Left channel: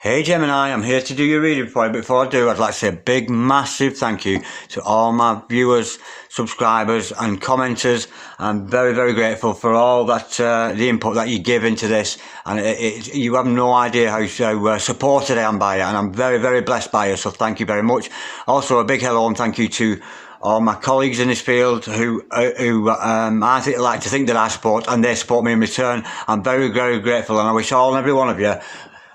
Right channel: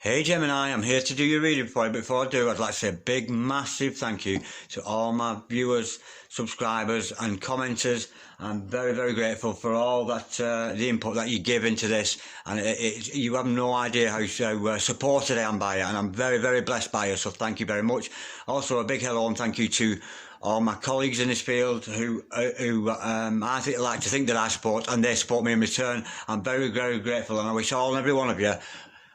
Hey Gemini, I'm here to do your reading for you. Before I do, I'd like to say a big, massive thank you to all my viewers, subscribers and commenters. I'm very, very grateful for all that, the input that you give into this. And you have no idea how supported I am by it. And I'm very, very blessed by it. So thank you very much. Also, a big hello and thank you to all my colleagues in this field who I like to think that I support and they support me in return. I'm very, very grateful and I wish all and every one of you,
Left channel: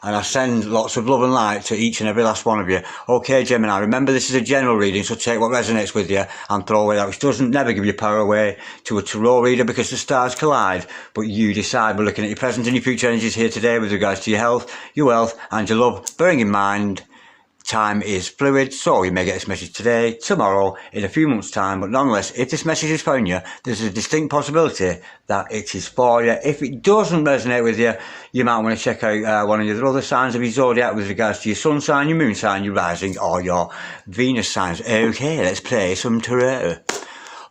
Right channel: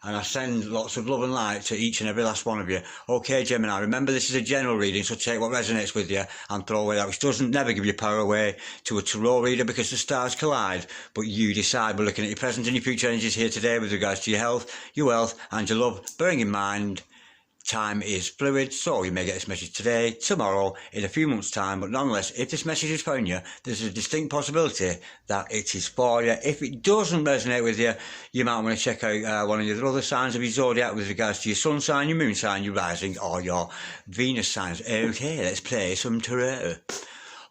and I send lots of love and light to each and every last one of you. Okay, Gemini, remember this is a general reading, so take what resonates with you and throw away that which doesn't. Never give your power away to a tarot reader because the stars collide, but you decide. We're looking at your present and your future energies here today with regards to your health, your wealth and your love. Bearing in mind, time is fluid, so you may get this message today, tomorrow, in a few months' time, but nonetheless, if this message has found you, there's a distinct possibility that it is for you. If it doesn't resonate with you, you might want to check out one of the other signs of your zodiac with regards to your sun sign, your moon sign, your rising, or your Venus signs. Okay, let's play some tarot.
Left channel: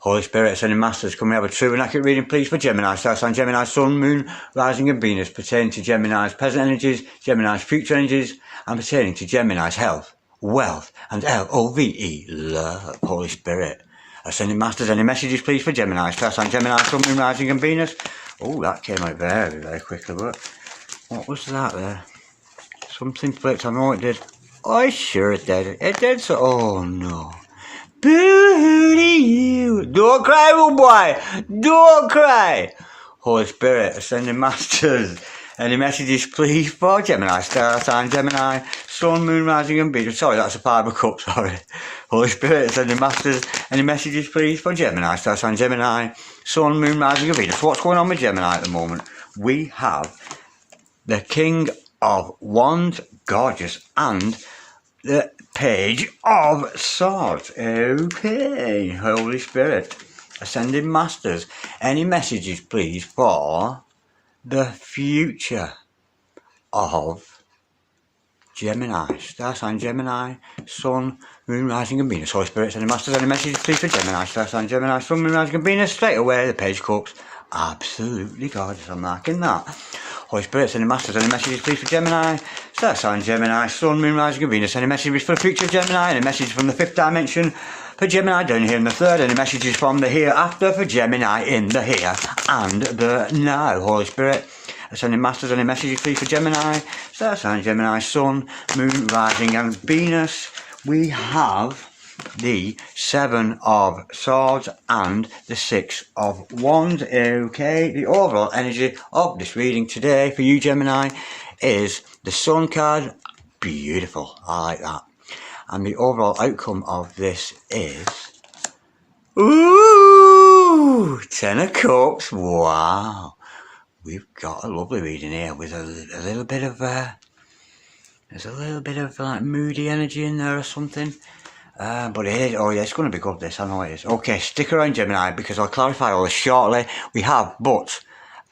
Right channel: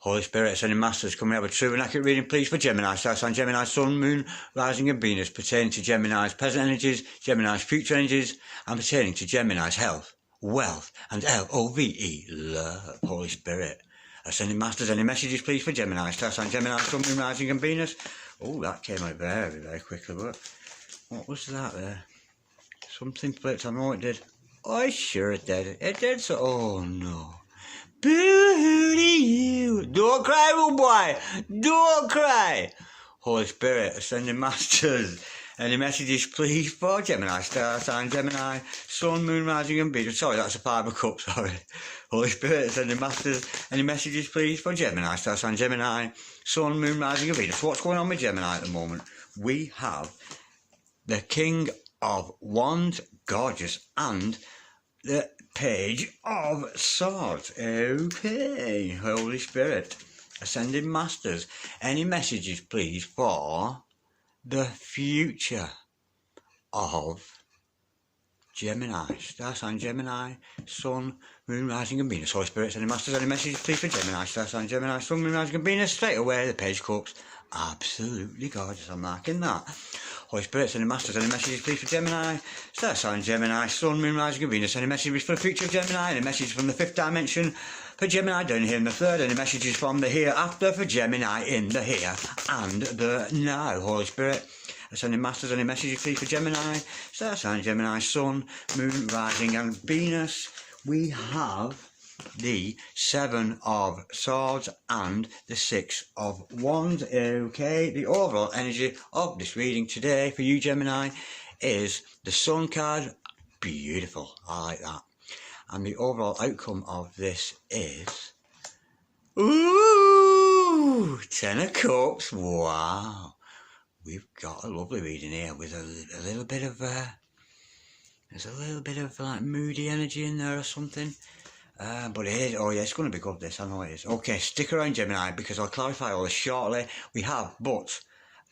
Holy Spirit, sending masters, can we have a true and accurate reading, please, for Gemini? Star sign Gemini, Sun, Moon, Rising and Venus, pertaining to Gemini's present energies, Gemini's future energies, and pertaining to Gemini's health, wealth, and L-O-V-E, love. Holy Spirit, ascending masters, any messages, please, for Gemini? Star sign Gemini, Sun, Moon, Rising and Venus. Oh, that came out very, very quickly, but what was that there? Something flipped, I know it did. Oh, sure it did. It did, so, oh no. Boo-hoo to you. Don't cry, little boy. Don't cry. Holy Spirit, ascending masters. Any messages, please, for Gemini? Star sign Gemini, Sun, Moon, Rising and Venus. Sorry, that's a Five of Cups, sorry. Holy Spirit, ascending masters. Any messages, please, for Gemini? Star sign Gemini, Sun, Moon, Rising and Venus. What's going on with Gemini at the moment? We have the King of Wands, gorgeous, and the Page of Swords. Okay, Holy Spirit, ascending masters. Any messages, please, for the future of Gemini? Star sign Gemini, Sun, Moon, Rising and Venus. Holy Spirit, ascending masters. Any messages, please, for Gemini? Star sign Gemini, Sun, Moon, Rising and Venus. Straight away, the Page of Cups. Absolutely gorgeous. I'm marking that. Holy Spirit, sending masters, any messages please for Gemini? Star sign Gemini, Sun, Moon, Rising and Venus. Any messages for the future of Gemini? Any messages from the fifth dimension for Gemini down here in the third? Any messages from the hereafter for Gemini in the here and the now? Holy Spirit, sending masters, any messages please for Gemini? Star sign Gemini, Sun, Moon, Rising and Venus. We have the Seven of Swords and the Six of Wands. Okay, the overall energy of this reading today for you, Gemini, is the Sun card. Beautiful, I like that. And the overall outcome of this is, ooh, Ten of Cups. Wow, we've got a lovely reading here with a little bit of there's a little bit of like moody energy in there or something. But it is, oh yeah, it's going to be good this, I know it is. Okay, stick around Gemini because I'll clarify all this shortly. We have but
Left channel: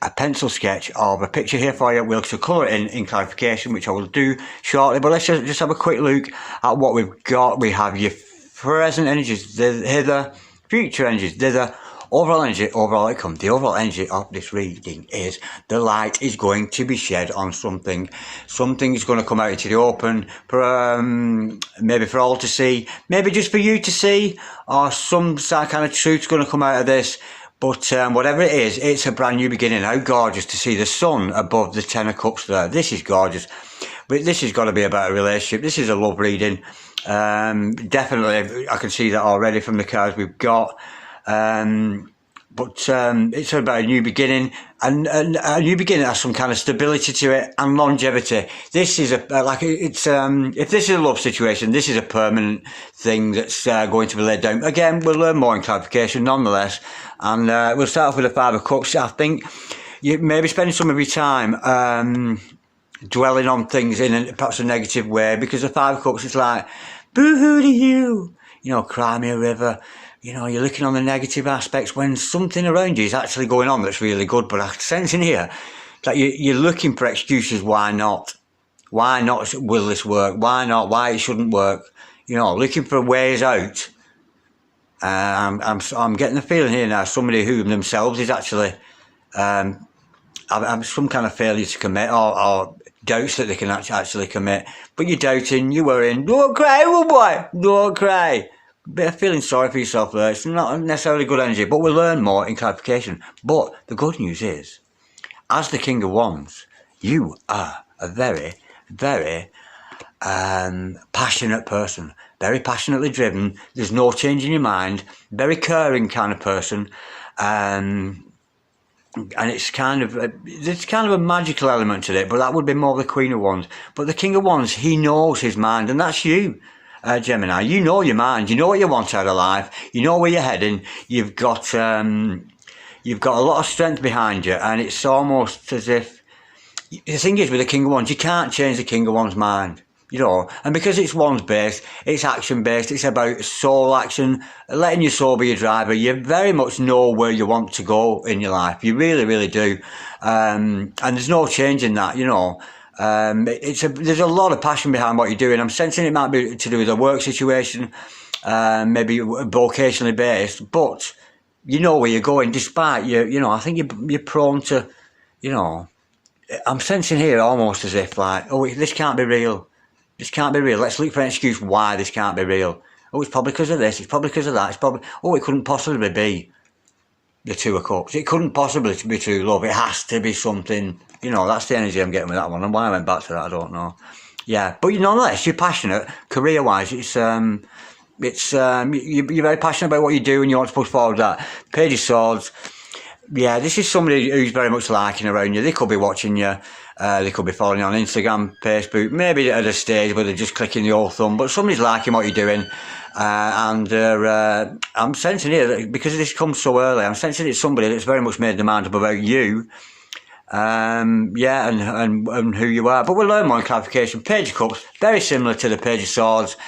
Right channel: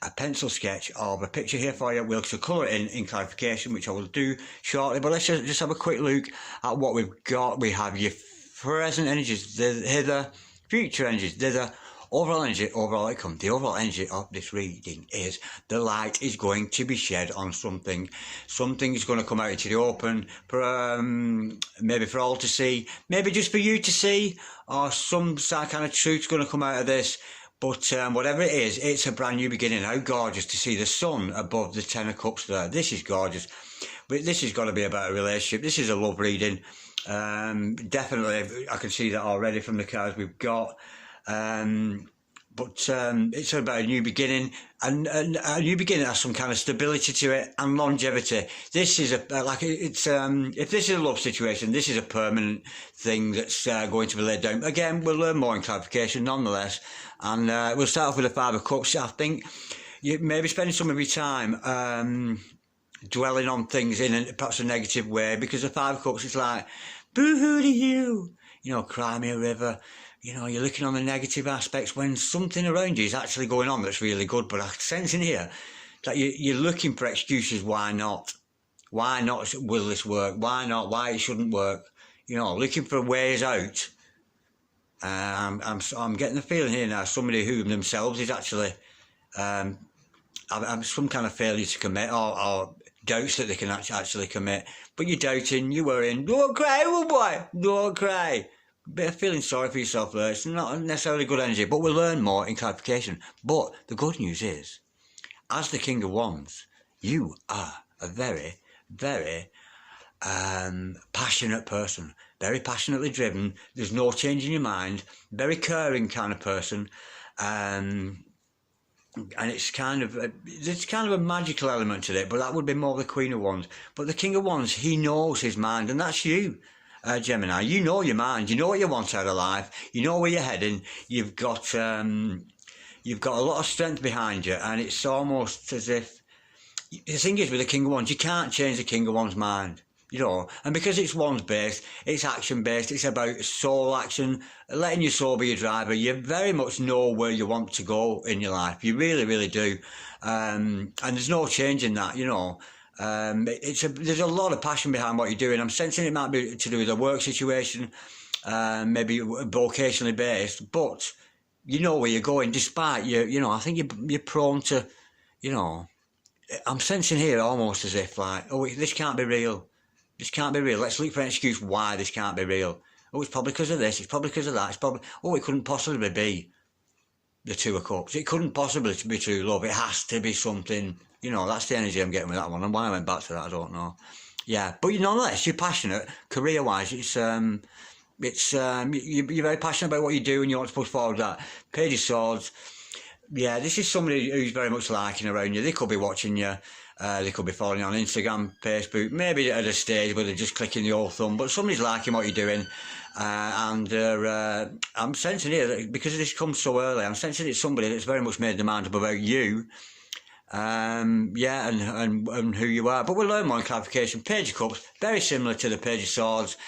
a pencil sketch of a picture here for you. We'll colour it in clarification, which I will do shortly. But let's just have a quick look at what we've got. We have your present energies, hither, future energies, thither, overall energy, overall outcome. The overall energy of this reading is the light is going to be shed on something. Something is going to come out into the open, maybe for all to see, maybe just for you to see, or some kind of truth's going to come out of this. But whatever it is, it's a brand new beginning. How gorgeous to see the sun above the Ten of Cups there. This is gorgeous. But this has got to be about a relationship. This is a love reading. Definitely, I can see that already from the cards we've got. But it's about a new beginning, and a new beginning has some kind of stability to it and longevity. This is if this is a love situation, this is a permanent thing that's going to be laid down. Again, we'll learn more in clarification nonetheless, and we'll start off with the Five of Cups. I think you may be spending some of your time dwelling on things in perhaps a negative way, because the Five of Cups is like, boo-hoo to you, cry me a river. You're looking on the negative aspects when something around you is actually going on that's really good. But I sense in here that you're looking for excuses. Why not? Why not will this work? Why not? Why it shouldn't work? Looking for ways out. I'm getting the feeling here now somebody who themselves is actually some kind of failure to commit or doubts that they can actually commit. But you're doubting, you're worrying. Don't cry, old boy. Don't cry. Bit of feeling sorry for yourself there. It's not necessarily good energy, but we'll learn more in clarification. But the good news is, as the King of Wands, you are a very, very passionate person. Very passionately driven. There's no change in your mind. Very caring kind of person. And it's there's kind of a magical element to it, but that would be more the Queen of Wands. But the King of Wands, he knows his mind, and that's you, Gemini. You know your mind. You know what you want out of life. You know where you're heading. You've got a lot of strength behind you, and it's almost as if the thing is with the King of Wands, you can't change the King of Wands' mind. You know, and because it's Wands based, it's action based, it's about soul action, letting your soul be your driver. You very much know where you want to go in your life. You really, really do. And there's no change in that, you know. There's a lot of passion behind what you're doing. I'm sensing it might be to do with a work situation, maybe vocationally based, but you know where you're going despite you know, I think you're prone to, you know, I'm sensing here almost as if like, oh, this can't be real. This can't be real. Let's look for an excuse why this can't be real. Oh, it's probably because of this. It's probably because of that. It's probably... Oh, it couldn't possibly be the Two of Cups. It couldn't possibly be true love. It has to be something... You know, that's the energy I'm getting with that one. And why I went back to that, I don't know. Yeah, but nonetheless, you're passionate. Career-wise, you're very passionate about what you do and you want to push forward that. Page of Swords. Yeah, this is somebody who's very much liking around you. They could be watching you. They could be following you on Instagram, Facebook, maybe at a stage where they're just clicking the old thumb, but somebody's liking what you're doing. And I'm sensing here, that because this comes so early, I'm sensing it's somebody that's very much made their mind up about you. Yeah, and who you are. But we'll learn more in clarification. Page of Cups, very similar to the Page of Swords.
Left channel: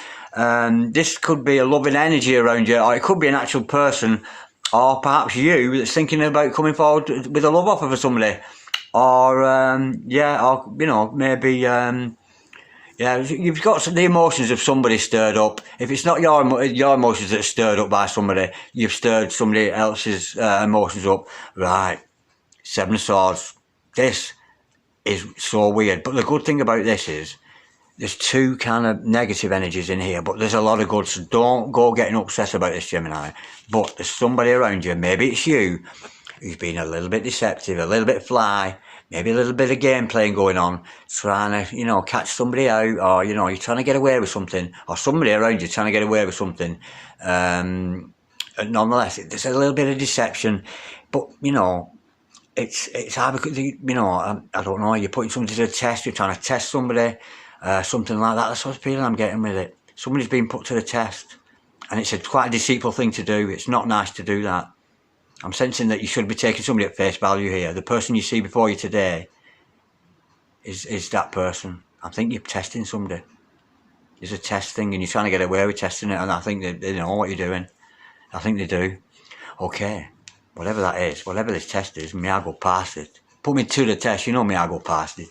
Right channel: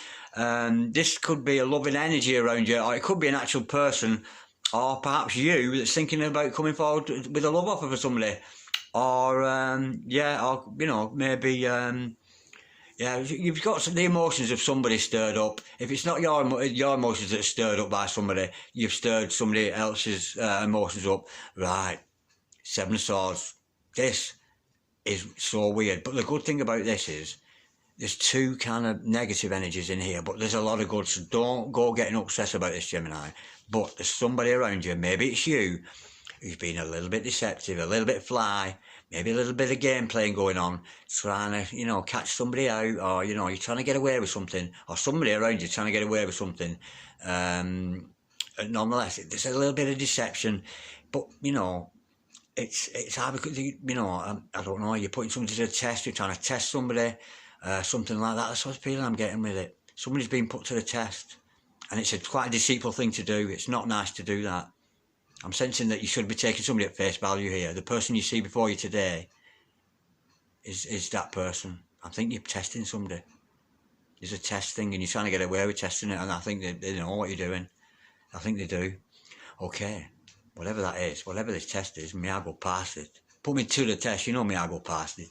This could be a loving energy around you, or it could be an actual person, or perhaps you that's thinking about coming forward with a love offer for somebody. Or, or, you know, maybe, yeah, you've got the emotions of somebody stirred up. If it's not your emotions that are stirred up by somebody, you've stirred somebody else's emotions up. Right, Seven of Swords. This is so weird. But the good thing about this is, there's two kind of negative energies in here, but there's a lot of good, so don't go getting upset about this, Gemini. But there's somebody around you, maybe it's you, who's been a little bit deceptive, a little bit fly, maybe a little bit of game playing going on, trying to, you know, catch somebody out, or, you know, you're trying to get away with something, or somebody around you trying to get away with something. And nonetheless, there's a little bit of deception, but, you know, it's hard because, you know, I don't know, you're putting somebody to the test, you're trying to test somebody, something like that. That's what feeling I'm getting with it. Somebody's been put to the test, and it's quite a deceitful thing to do. It's not nice to do that. I'm sensing that you should be taking somebody at face value here. The person you see before you today is that person. I think you're testing somebody. It's a test thing, and you're trying to get away with testing it, and I think they know what you're doing. I think they do. Okay, whatever that is, whatever this test is, may I go past it. Put me to the test, you know me, I go past it.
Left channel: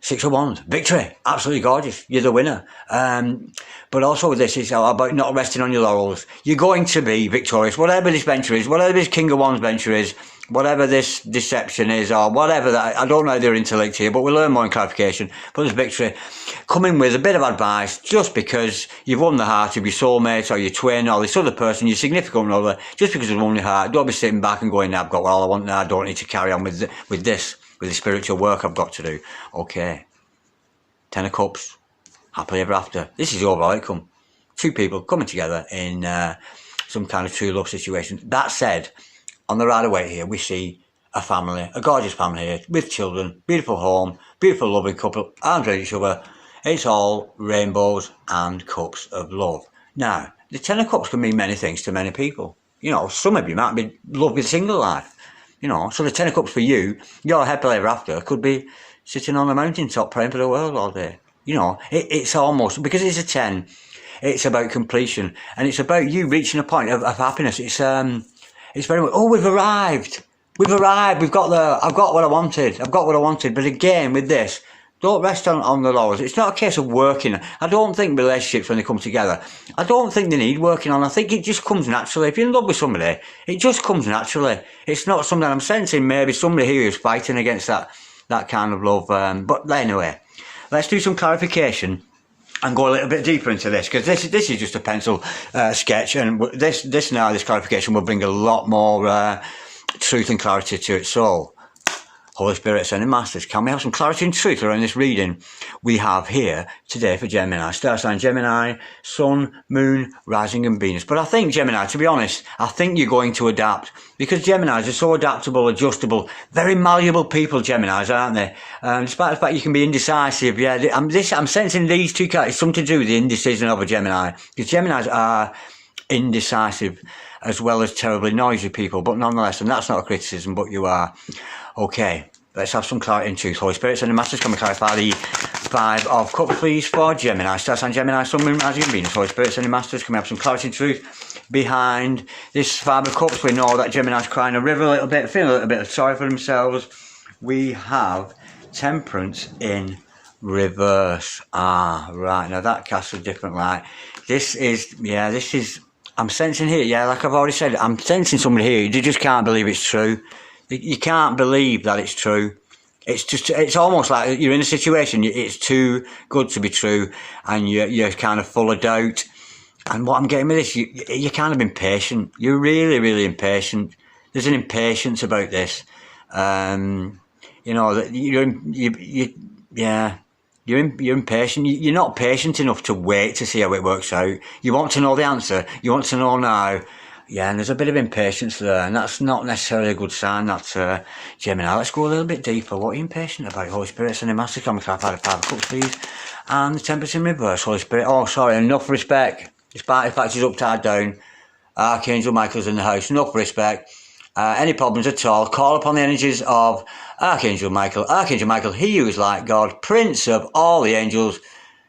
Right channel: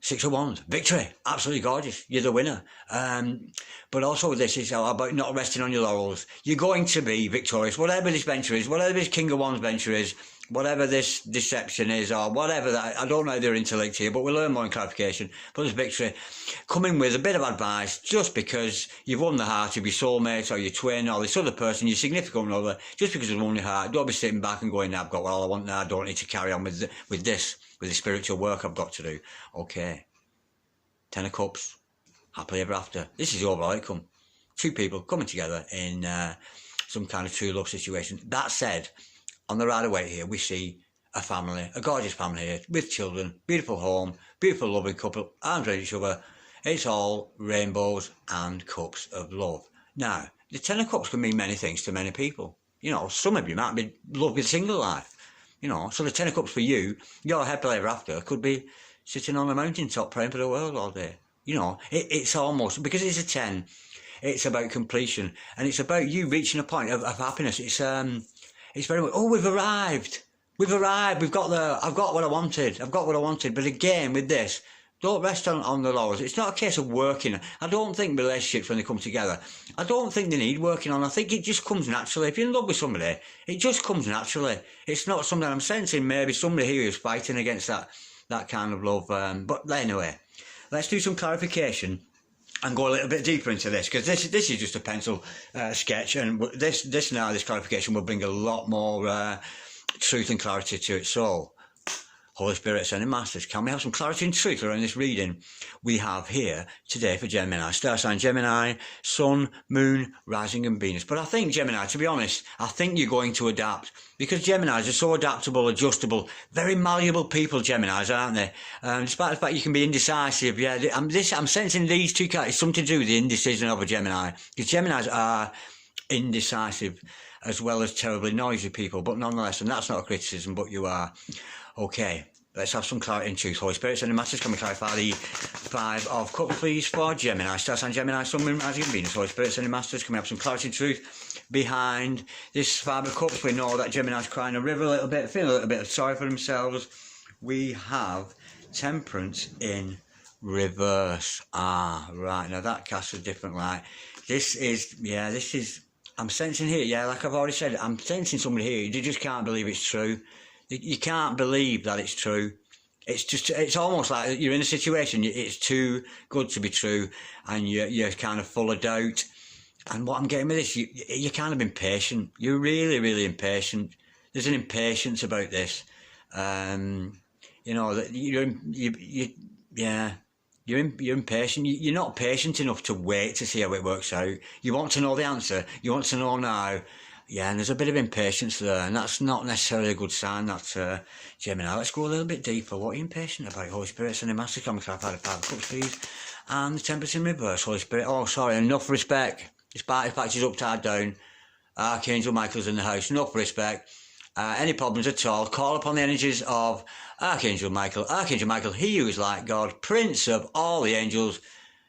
Six of Wands, victory, absolutely gorgeous, you're the winner. But also with this, it's about not resting on your laurels. You're going to be victorious, whatever this venture is, whatever this King of Wands venture is, whatever this deception is, or whatever that, I don't know their intellect here, but we'll learn more in clarification. But there's victory. Coming with a bit of advice, just because you've won the heart of your soulmate, or your twin, or this other person, your significant other, just because you've won your heart, don't be sitting back and going, I've got all I want now, I don't need to carry on with this. With the spiritual work I've got to do. Okay. 10 of Cups. Happily ever after. This is the overall outcome. Two people coming together in some kind of true love situation. That said, on the Rider Waite here, we see a family, a gorgeous family here, with children, beautiful home, beautiful loving couple, arms around each other. It's all rainbows and cups of love. Now, the 10 of Cups can mean many things to many people. You know, some of you might be love with single life. You know, so the 10 of Cups for you, your happily ever after, could be sitting on a mountaintop praying for the world all day. You know, it's almost, because it's a 10, it's about completion. And it's about you reaching a point of happiness. It's very much, oh, we've arrived. We've got there. I've got what I wanted. But again, with this, don't rest on the laurels. It's not a case of working. I don't think relationships, when they come together, I don't think they need working on. I think it just comes naturally. If you're in love with somebody, it just comes naturally. It's not something I'm sensing. Maybe somebody here is fighting against that that kind of love. But anyway, let's do some clarification and go a little bit deeper into this, because this is just a pencil sketch, and this clarification will bring a lot more truth and clarity to it. So, Holy Spirit, Ascended Masters, can we have some clarity and truth around this reading we have here today for Gemini? Star sign Gemini, Sun, Moon, Rising and Venus. But I think, Gemini, to be honest, I think you're going to adapt, because Geminis are so adaptable, adjustable, very malleable people, Geminis, aren't they? Despite the fact you can be indecisive, yeah, I'm sensing these two characters, something to do with the indecision of a Gemini, because Geminis are indecisive as well as terribly noisy people, but nonetheless, and that's not a criticism, but you are. Okay, let's have some clarity and truth. Holy Spirit, Ascended Masters, can we clarify the Five of Cups, please, for Gemini? Star sign Gemini, Sun, Moon, Rising and Venus. Holy Spirit, Ascended Masters, can we have some clarity and truth behind this Five of Cups? We know that Gemini's crying a river a little bit, feeling a little bit sorry for themselves. We have Temperance in reverse. Ah, right, now that casts a different light. This is, I'm sensing here, yeah, like I've already said, I'm sensing somebody here, you just can't believe it's true. You can't believe that it's true. It's almost like you're in a situation, it's too good to be true, and you're kind of full of doubt. And what I'm getting with this, you're kind of impatient. You're really, really impatient. There's an impatience about this. You know, you're impatient. You're not patient enough to wait to see how it works out. You want to know the answer. You want to know now. Yeah, and there's a bit of impatience there, and that's not necessarily a good sign. That's Gemini. Let's go a little bit deeper. What are you impatient about? Holy Spirit, Ascended Masters, can we clarify the Five of Cups, please? And the Temperance in reverse. Holy Spirit. Oh, sorry. Enough respect. Despite the fact she's upside down, Archangel Michael's in the house. Enough respect. Any problems at all, call upon the energies of Archangel Michael. Archangel Michael, he who is like God, Prince of all the angels.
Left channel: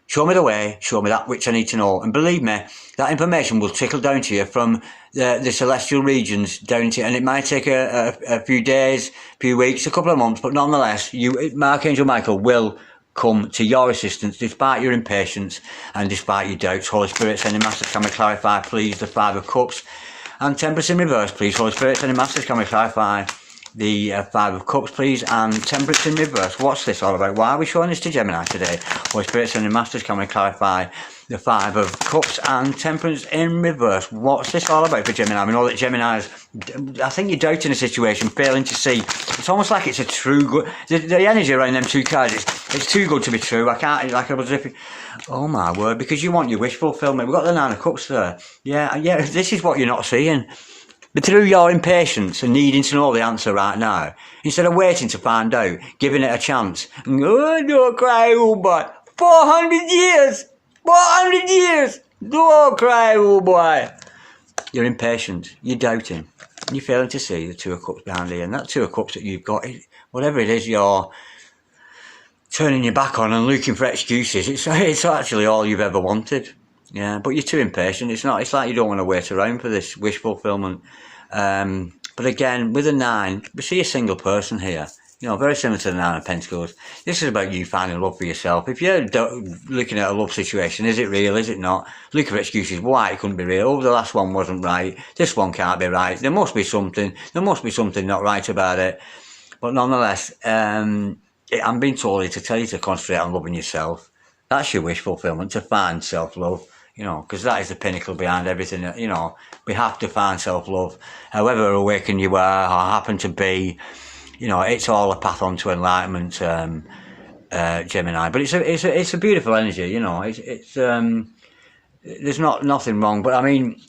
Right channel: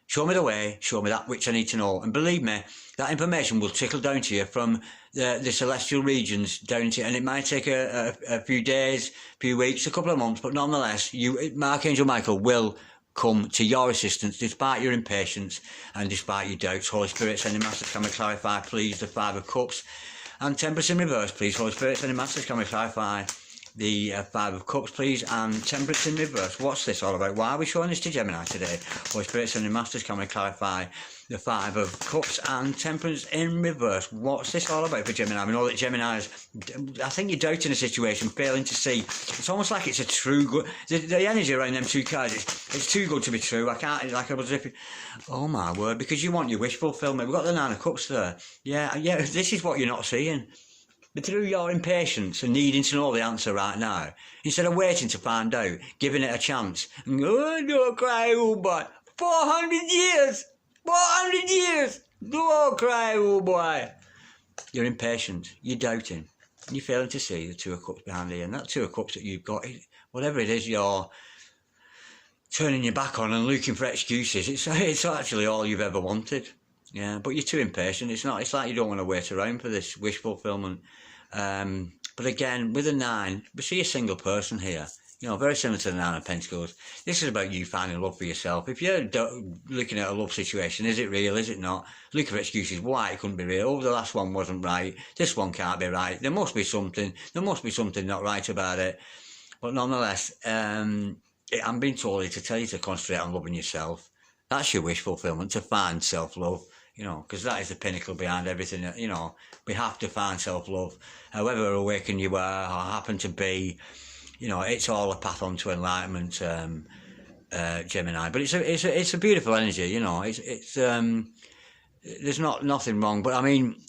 Show me the way, show me that which I need to know. And believe me, that information will trickle down to you from the celestial regions down to you. And it might take a few days, a few weeks, a couple of months, but nonetheless, Archangel Michael will come to your assistance despite your impatience and despite your doubts. Holy Spirit, Ascended Masters, can we clarify, please, the Five of Cups? And Temperance in reverse, please. Holy Spirit, Ascended Masters, can we clarify the Five of Cups, please? And Temperance in reverse. What's this all about? Why are we showing this to Gemini today? Holy Spirit, Ascended Masters, can we clarify the Five of Cups and Temperance in reverse? What's this all about for Gemini? We know that Gemini's, I think you're doubting a situation, failing to see. It's almost like it's a true good. The energy around them two cards, it's too good to be true. I can't, like I was ripping. Oh my word, because you want your wish fulfillment. We've got the Nine of Cups there. Yeah, this is what you're not seeing. But through your impatience and needing to know the answer right now, instead of waiting to find out, giving it a chance, and oh, don't cry, oh boy, 400 years, 400 years, don't cry, oh boy. You're impatient, you're doubting, you're failing to see the Two of Cups behind you, and that Two of Cups that you've got, whatever it is you're turning your back on and looking for excuses, it's actually all you've ever wanted. Yeah, but you're too impatient. It's like you don't want to wait around for this wish fulfillment. But again, with a Nine, we see a single person here. You know, very similar to the Nine of Pentacles. This is about you finding love for yourself. If you're looking at a love situation, is it real? Is it not? Looking for excuses why it couldn't be real. Oh, the last one wasn't right. This one can't be right. There must be something. There must be something not right about it. But nonetheless, I'm being told here to tell you to concentrate on loving yourself. That's your wish fulfillment, to find self-love. You know, because that is the pinnacle behind everything. You know, we have to find self-love. However awakened you are or happen to be, you know, it's all a path on to enlightenment, Gemini. But it's a beautiful energy. You know, there's nothing wrong. But I mean,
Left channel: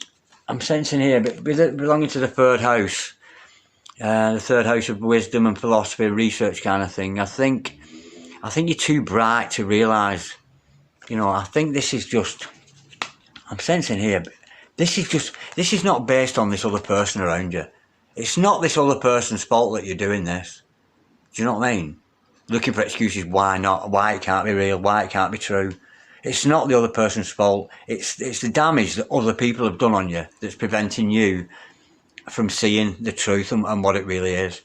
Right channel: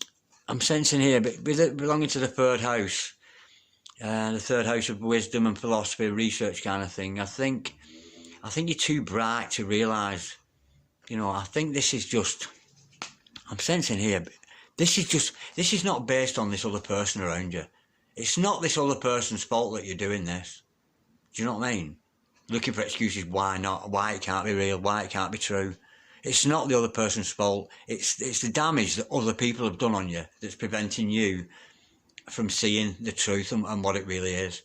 I'm sensing here, belonging to the third house, the third house of wisdom and philosophy, research kind of thing. I think you're too bright to realise. You know, I think this is just. I'm sensing here, this is not based on this other person around you. It's not this other person's fault that you're doing this. Do you know what I mean? Looking for excuses why not, why it can't be real, why it can't be true. It's not the other person's fault. It's the damage that other people have done on you that's preventing you from seeing the truth and what it really is.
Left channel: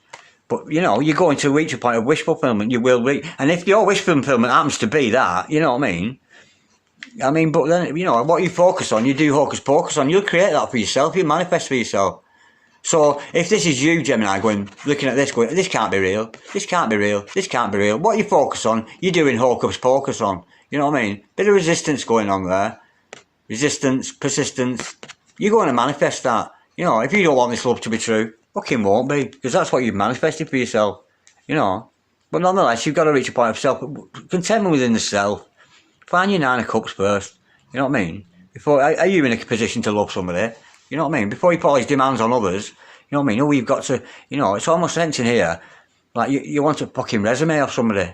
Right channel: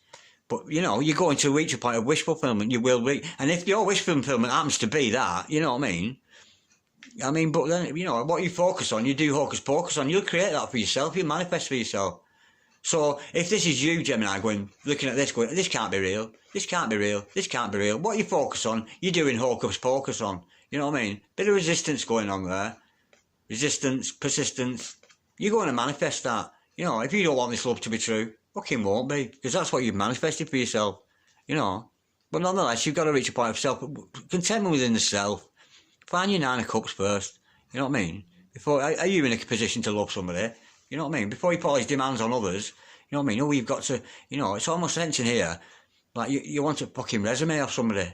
But, you know, you're going to reach a point of wish fulfillment, you will reach. And if your wish fulfillment happens to be that, you know what I mean? But then, you know, what you focus on, you do hocus pocus on, you'll create that for yourself, you manifest for yourself. So if this is you, Gemini, looking at this, going, this can't be real, this can't be real, this can't be real. What you focus on, you're doing hocus pocus on. You know what I mean? Bit of resistance going on there. Resistance, persistence. You're going to manifest that. You know, if you don't want this love to be true, fucking won't be, because that's what you've manifested for yourself. You know. But nonetheless, you've got to reach a point of contentment within the self. Find your 9 of cups first. You know what I mean? Are you in a position to love somebody? You know what I mean? Before you put all these demands on others, you know what I mean? Oh, you've got to, you know, it's almost sensing here, like you want a fucking resume of somebody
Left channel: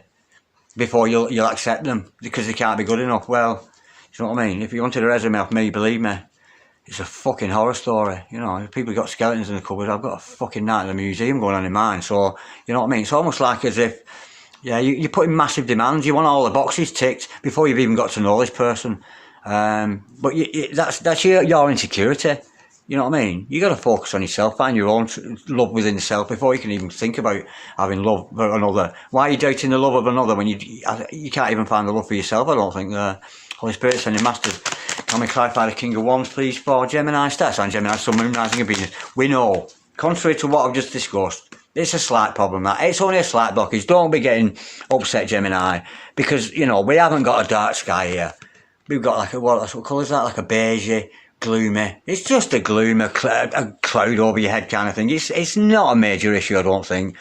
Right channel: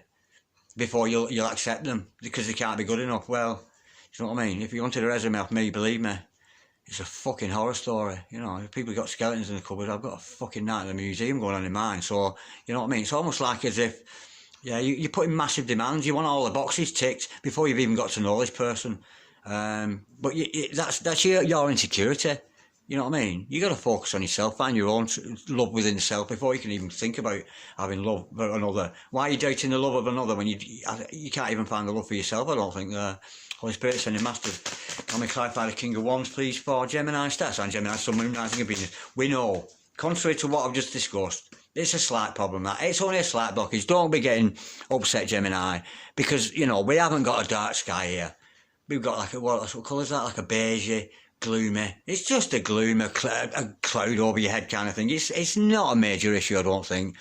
before you'll accept them because they can't be good enough. Well, you know what I mean? If you wanted a resume off me, believe me, it's a fucking horror story. You know, if people got skeletons in the cupboard, I've got a fucking night in the museum going on in mine. So, you know what I mean? It's almost like as if, yeah, you're putting massive demands. You want all the boxes ticked before you've even got to know this person. But that's your insecurity. You know what I mean? You got to focus on yourself, find your own love within yourself before you can even think about having love for another. Why are you doubting the love of another when you can't even find the love for yourself? I don't think. Holy Spirit, sending masters. Can we clarify the King of Wands, please, for Gemini stats and Gemini Sun, Moon, Rising and Venus? We know, contrary to what I've just discussed, it's a slight problem. That it's only a slight blockage. Don't be getting upset, Gemini, because you know we haven't got a dark sky here. We've got like what colour is that? Like a beigey, gloomy. It's just a gloom, a cloud over your head kind of thing. It's not a major issue, I don't think.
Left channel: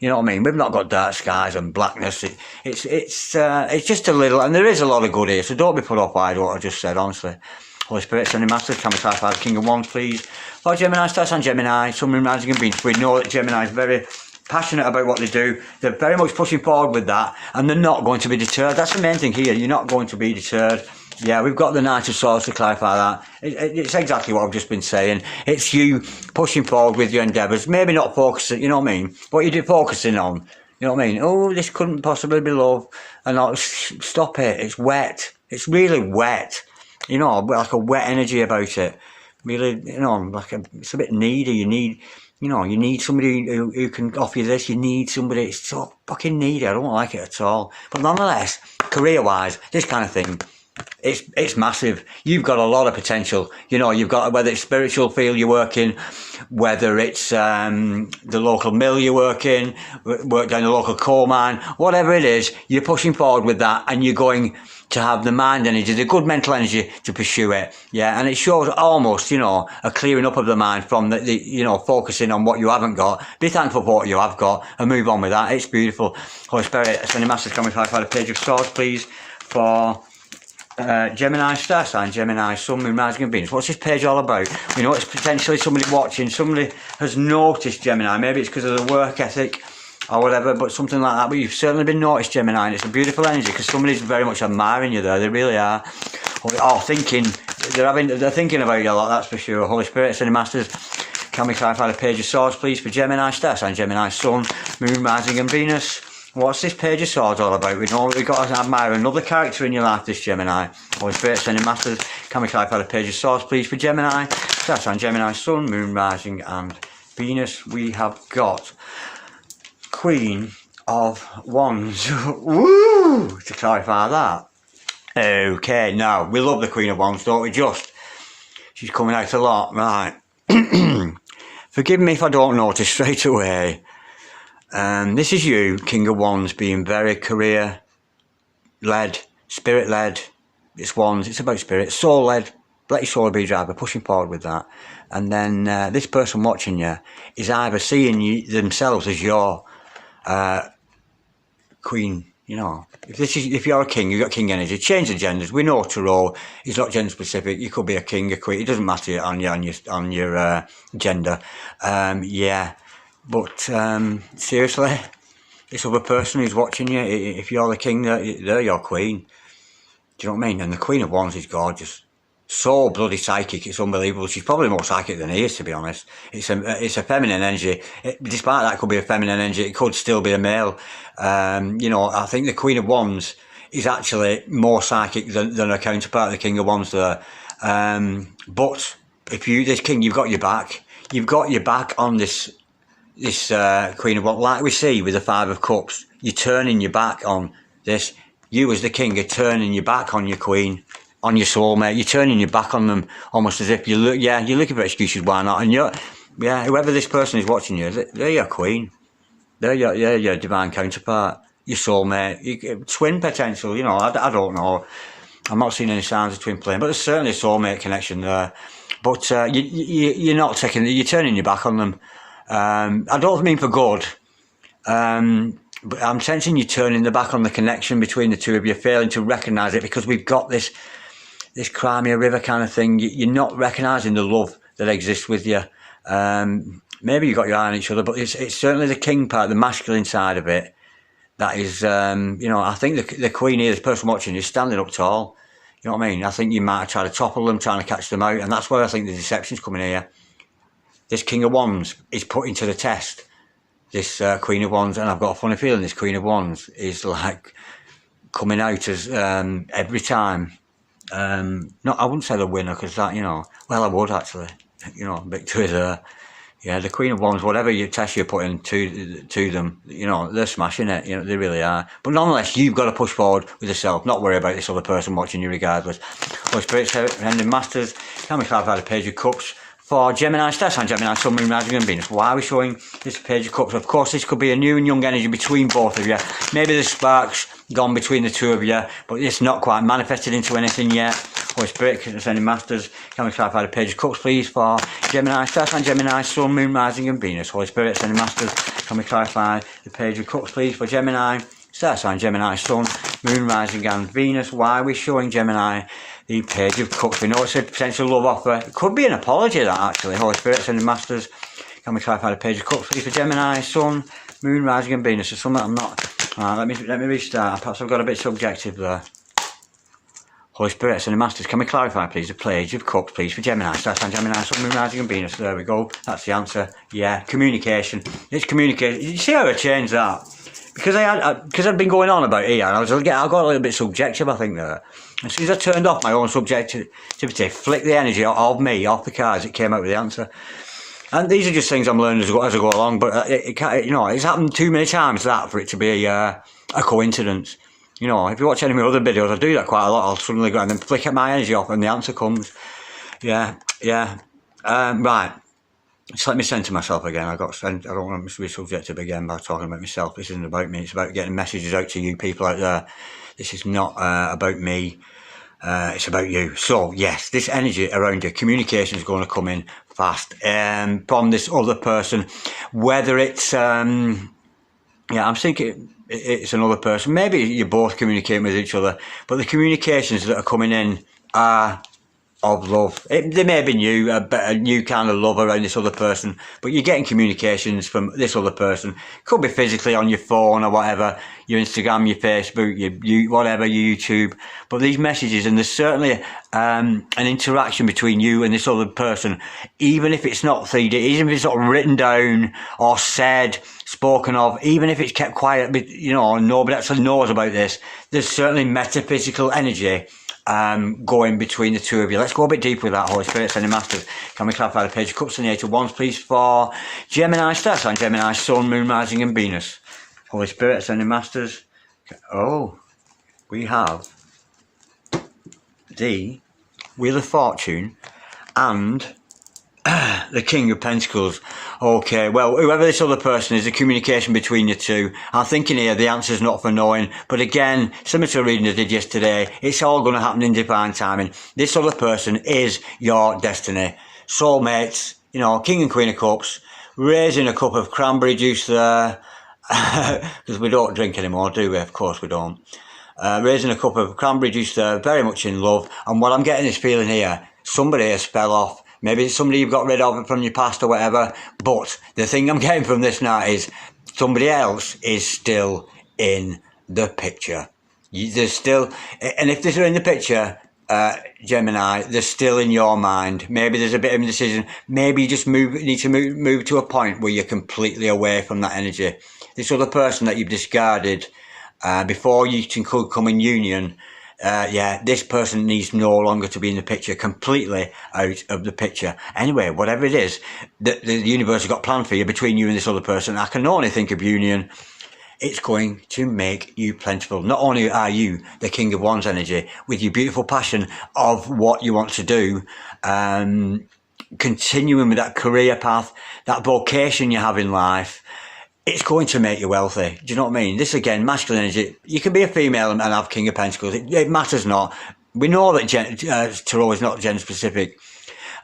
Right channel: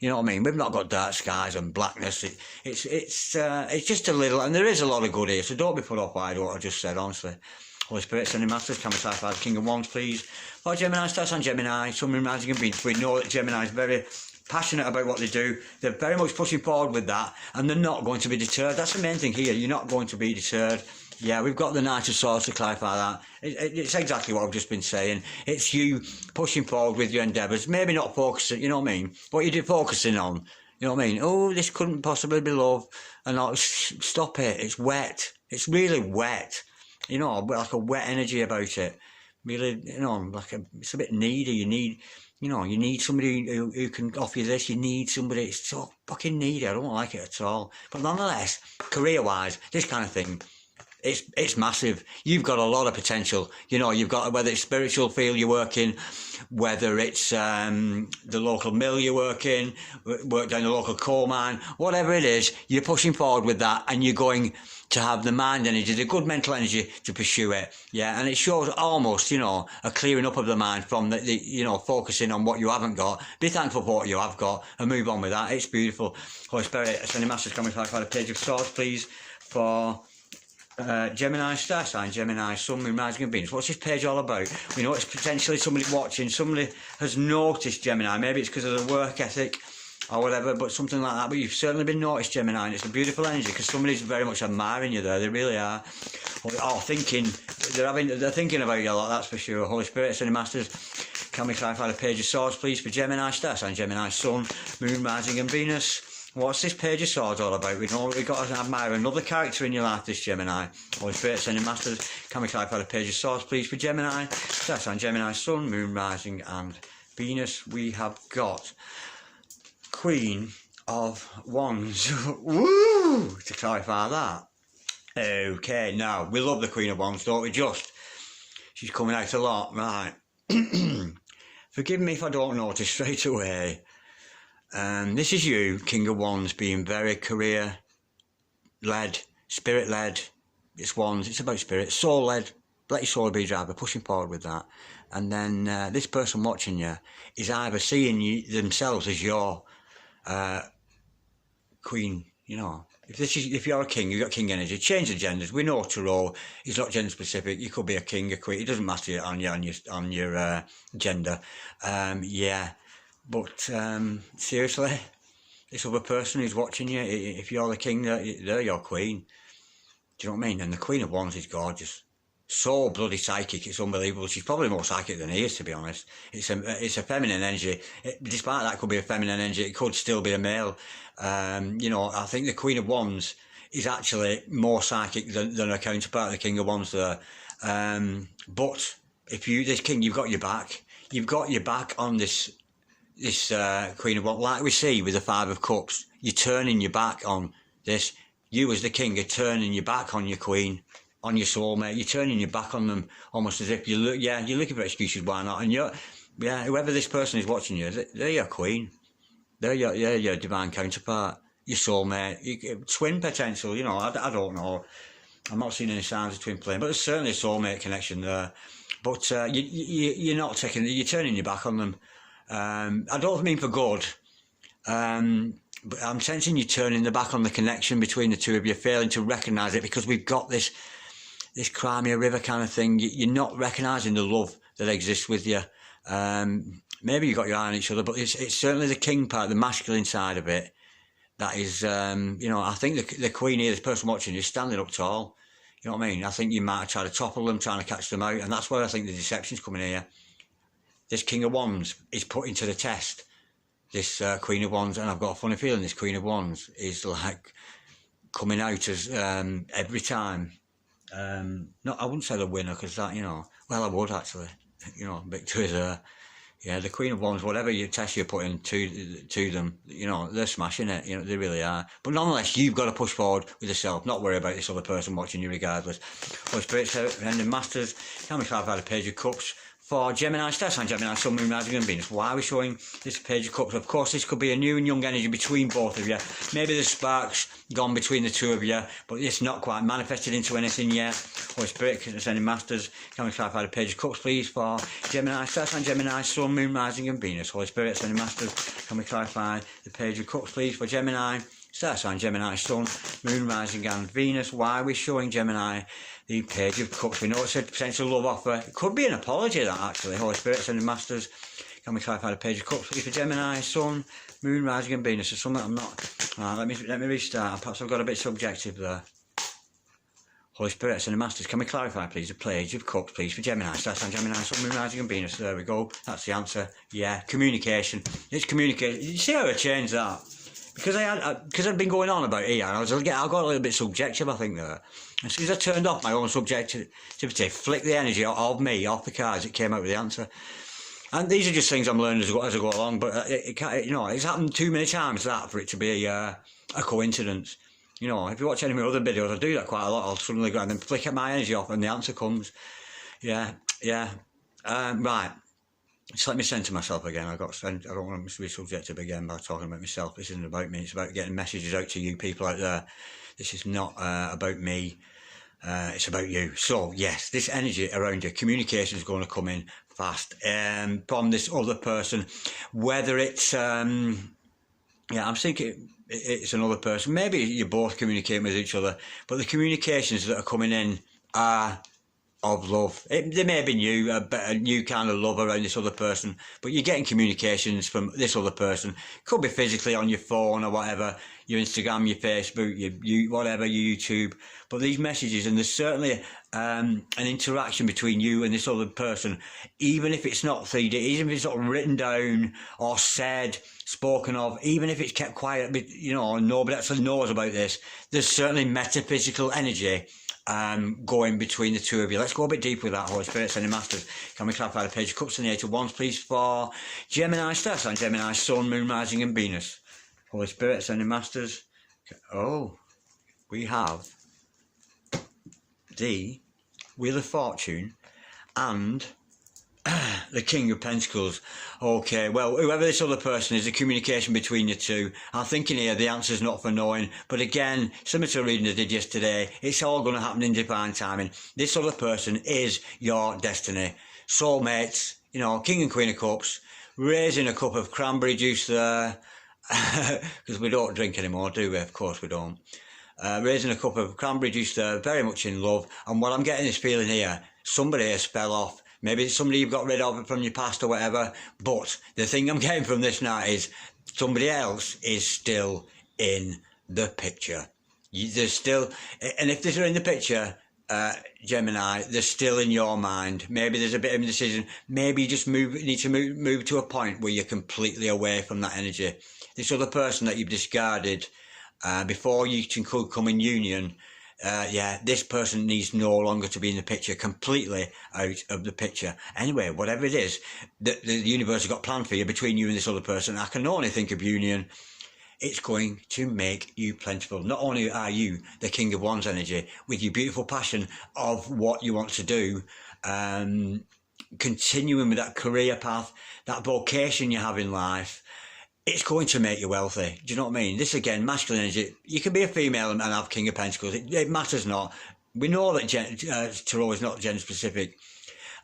You know what I mean? We've not got dark skies and blackness. It's just a little, and there is a lot of good here. So don't be put off by what I just said. Honestly, Holy Spirit, sending masters, can we clarify the King of Wands, please? For Gemini stars and Gemini, Sun, Moon, Rising and Venus. We know that Gemini is very passionate about what they do. They're very much pushing forward with that, and they're not going to be deterred. That's the main thing here. You're not going to be deterred. Yeah, we've got the Knight of Swords to clarify that. It's exactly what I've just been saying. It's you pushing forward with your endeavours. Maybe not focusing, you know what I mean? What you're focusing on. You know what I mean? Oh, this couldn't possibly be love. And not, stop it. It's wet. It's really wet. You know, like a wet energy about it. Really, you know, it's a bit needy. You need somebody who can offer you this. You need somebody. It's so fucking needy. I don't like it at all. But nonetheless, career-wise, this kind of thing, it's massive. You've got a lot of potential. You know, you've got, whether it's spiritual field you're working, whether it's the local mill you're working, work down the local coal mine, whatever it is, you're pushing forward with that, and you're going to have the mind energy, the good mental energy to pursue it. Yeah, and it shows almost, you know, a clearing up of the mind from the you know, focusing on what you haven't got. Be thankful for what you have got and move on with that. It's beautiful. Holy Spirit, sending masters, can we clarify the Page of Swords, please, for Gemini star sign, Gemini, Sun, Moon, Rising and Venus. What's this page all about? We know it's potentially somebody watching, somebody has noticed Gemini. Maybe it's because of the work ethic or whatever, but something like that. But you've certainly been noticed, Gemini, and it's a beautiful energy because somebody's very much admiring you there. They really are. Or thinking, they're thinking about you a lot, that's for sure. Holy Spirit, sending masters, can we clarify the Page of Swords, please, for Gemini star sign, Gemini, Sun, Moon, Rising and Venus? What's this Page of Swords all about? We know we've got to admire another character in your life, this Gemini. Holy Spirit, sending masters, can we clarify the Page of Swords, please, for Gemini? That's on Gemini, Sun, Moon, Rising and Venus. We have got Queen of Wands. Woo! To clarify that. Okay, now, we love the Queen of Wands, don't we? Just. She's coming out a lot, right. Forgive me if I don't notice straight away. This is you, King of Wands, being very career-led, spirit-led. It's Wands, it's about spirit, soul-led. Let your soul be driver, pushing forward with that. And then this person watching you is either seeing themselves as your queen, you know. If you're a king, you've got king energy. Change the genders. We know Tarot is not gender specific. You could be a king, a queen. It doesn't matter on your gender. Yeah. But seriously, this other person who's watching you, if you're the king, they're your queen. Do you know what I mean? And the Queen of Wands is gorgeous. So bloody psychic, it's unbelievable. She's probably more psychic than he is, to be honest. It's a feminine energy. Despite that could be a feminine energy, it could still be a male. You know, I think the Queen of Wands is actually more psychic than her counterpart, the King of Wands there. But if this king, you've got your back. You've got your back on this Queen of Wands, like we see with the Five of Cups. You're turning your back on this. You as the king are turning your back on your queen, on your soulmate. You're turning your back on them, almost as if you're looking for excuses why not. And yeah, whoever this person is watching you, they're your queen. They're your divine counterpart, your soulmate, your twin potential. You know, I don't know. I'm not seeing any signs of twin flame, but there's certainly a soulmate connection there. But you're not you're turning your back on them. I don't mean for good. But I'm sensing you turning the back on the connection between the two of you, failing to recognise it, because we've got this Crimea River kind of thing. You're not recognising the love that exists with you. Maybe you've got your eye on each other, but it's certainly the king part, the masculine side of it. That is, you know, I think the queen here, this person watching, is standing up tall. You know what I mean? I think you might have tried to topple them, trying to catch them out, and that's where I think the deception's coming here. This King of Wands is putting to the test this Queen of Wands, and I've got a funny feeling this Queen of Wands is like coming out as every time. No, I wouldn't say the winner, because that, you know, well, I would actually. You know, victory there. Yeah, the Queen of Wands, whatever test you're putting to them, you know, they're smashing it. You know, they really are. But nonetheless, you've got to push forward with yourself. Not worry about this other person watching you regardless. Holy Spirit, Ending Masters, can we clarify the Page of Cups for Gemini, Star Sign, Gemini, Sun, Moon, Rising and Venus? Why are we showing this Page of Cups? Of course, this could be a new and young energy between both of you. Maybe the sparks gone between the two of you, but it's not quite manifested into anything yet. Holy Spirit, Ending Masters, can we clarify the Page of Cups, please, for Gemini, Star Sign, Gemini, Sun, Moon, Rising and Venus? Holy Spirit, Ending Masters, can we clarify the Page of Cups, please, for Gemini, Star Sign, Gemini, Sun, Moon, Rising and Venus? Why are we showing Gemini the Page of Cups? We know it's a potential love offer. It could be an apology, that, actually. Holy Spirit, Ending Masters, can we clarify the Page of Cups, please, for Gemini, Sun, Moon, Rising and Venus? There's something I'm not... let me restart. Perhaps I've got a bit subjective there. Holy Spirit, and the Masters, can we clarify, please, the Page of Cups, please, for Gemini, Star Sign, Gemini, Sun, Moon, Rising and Venus? There we go. That's the answer. Yeah, communication. It's communication. You see how I changed that? Because I'd been going on about here, and I got a little bit subjective, I think, there. As soon as I turned off my own subjectivity, flicked the energy of me off the cards, it came out with the answer. And these are just things I'm learning as I go along, but you know, it's happened too many times that for it to be a coincidence. You know, if you watch any of my other videos, I do that quite a lot. I'll suddenly go and then flick my energy off and the answer comes. Yeah. Right. Just let me center myself again. I don't want to be subjective again by talking about myself. This isn't about me. It's about getting messages out to you people out there. This is not about me. It's about you. So, yes, this energy around you, communication is going to come in fast from this other person. Whether it's, I'm thinking it's another person. Maybe you're both communicating with each other, but the communications that are coming in are of love. They may have been a new kind of love around this other person, but you're getting communications from this other person. Could be physically on your phone or whatever, your Instagram, your Facebook, your whatever, your YouTube. But these messages, and there's certainly an interaction between you and this other person, even if it's not 3D, even if it's not written down or said, spoken of, even if it's kept quiet, but you know, nobody actually knows about this. There's certainly metaphysical energy going between the two of you. Let's go a bit deeper with that, Holy Spirit, Sending Masters. Can we clarify the Page of Cups and the Eight of Wands, please, for Gemini, Star Sign, Gemini, Sun, Moon, Rising and Venus? Holy Spirit, Sending Masters. Oh, we have the Wheel of Fortune and the King of Pentacles. Okay, well, whoever this other person is, the communication between you two, I'm thinking here the answer's not for knowing, but again, similar to a reading I did yesterday, it's all going to happen in divine timing. This other person is your destiny. Soulmates, you know, King and Queen of Cups, raising a cup of cranberry juice there, because we don't drink anymore, do we? Of course we don't. Raising a cup of cranberry juice there, very much in love, and what I'm getting this feeling here, somebody has fell off. Maybe it's somebody you've got rid of from your past or whatever, but the thing I'm getting from this now is somebody else is still in the picture. There's still, and if they're in the picture, Gemini, they're still in your mind. Maybe there's a bit of indecision. Maybe you just need to move to a point where you're completely away from that energy. This other person that you've discarded before you can come in union, this person needs no longer to be in the picture, completely out of the picture. Anyway, whatever it is that the universe has got planned for you between you and this other person, I can only think of union. It's going to make you plentiful. Not only are you the King of Wands energy with your beautiful passion of what you want to do, continuing with that career path, that vocation you have in life, it's going to make you wealthy. Do you know what I mean? This again, masculine energy. You can be a female and have King of Pentacles. It matters not. We know that Tarot is not gender specific.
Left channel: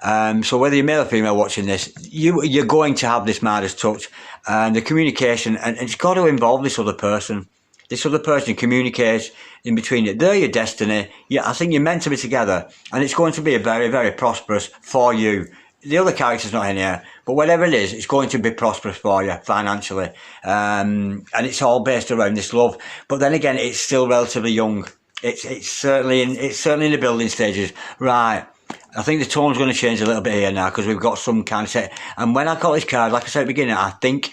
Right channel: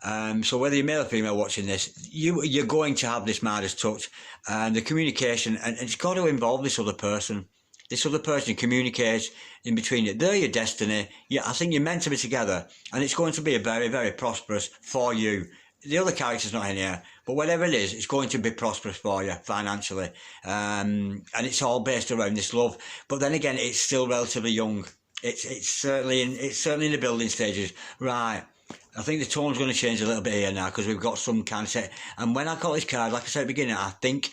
So whether you're male or female watching this, you're going to have this Midas touch, and the communication, and it's got to involve this other person. This other person communicates in between you. They're your destiny. Yeah, I think you're meant to be together, and it's going to be a very, very prosperous for you. The other character's not in here, but whatever it is, it's going to be prosperous for you financially, and it's all based around this love. But then again, it's still relatively young. It's certainly in the building stages, right? I think the tone's going to change a little bit here now because we've got some kind of set. And when I got this card, like I said at the beginning, I think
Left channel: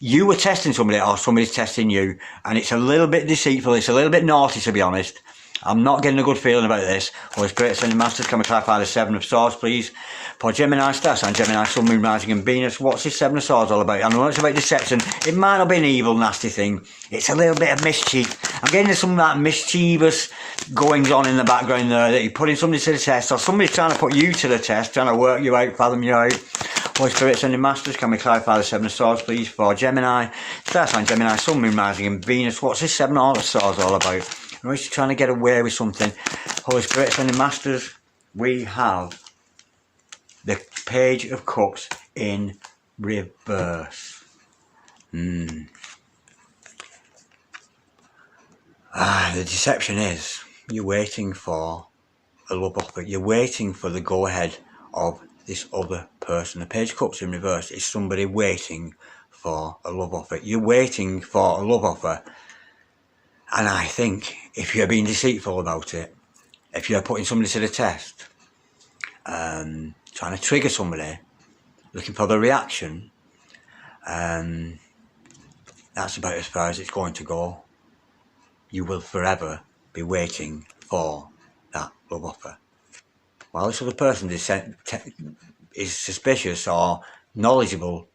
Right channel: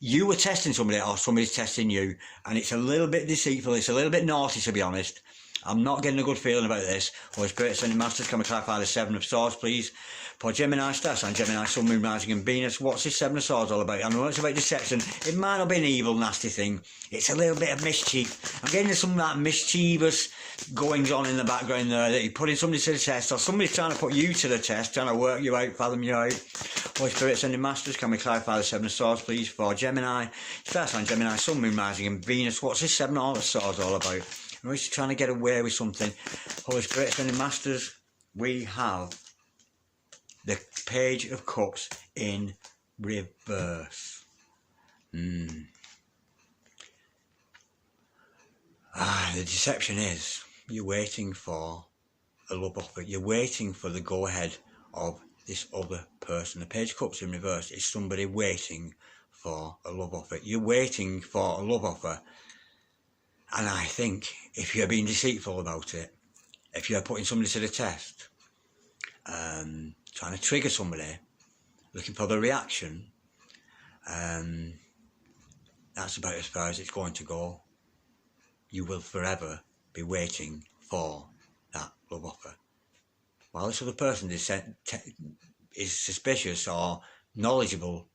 you were testing somebody or somebody's testing you, and it's a little bit deceitful. It's a little bit naughty, to be honest. I'm not getting a good feeling about this. Holy Spirit, Sending Masters, can we clarify the Seven of Swords, please? For Gemini, Star Sign, Gemini, Sun, Moon, Rising and Venus, what's this Seven of Swords all about? I know it's about deception. It might not be an evil, nasty thing. It's a little bit of mischief. I'm getting some of that mischievous goings on in the background there, that you're putting somebody to the test, or somebody's trying to put you to the test, trying to work you out, fathom you out. Holy Spirit, Sending Masters, can we clarify the Seven of Swords, please? For Gemini, Star Sign, Gemini, Sun, Moon, Rising and Venus, what's this Seven of Swords all about? I know he's trying to get away with something. Holy Spirit, Sending Masters, we have the Page of Cups in reverse. The deception is you're waiting for a love offer. You're waiting for the go-ahead of this other person. The Page of Cups in reverse is somebody waiting for a love offer. You're waiting for a love offer. And I think if you're being deceitful about it, if you're putting somebody to the test, trying to trigger somebody, looking for the reaction, that's about as far as it's going to go. You will forever be waiting for that love offer. While this other person is suspicious or knowledgeable,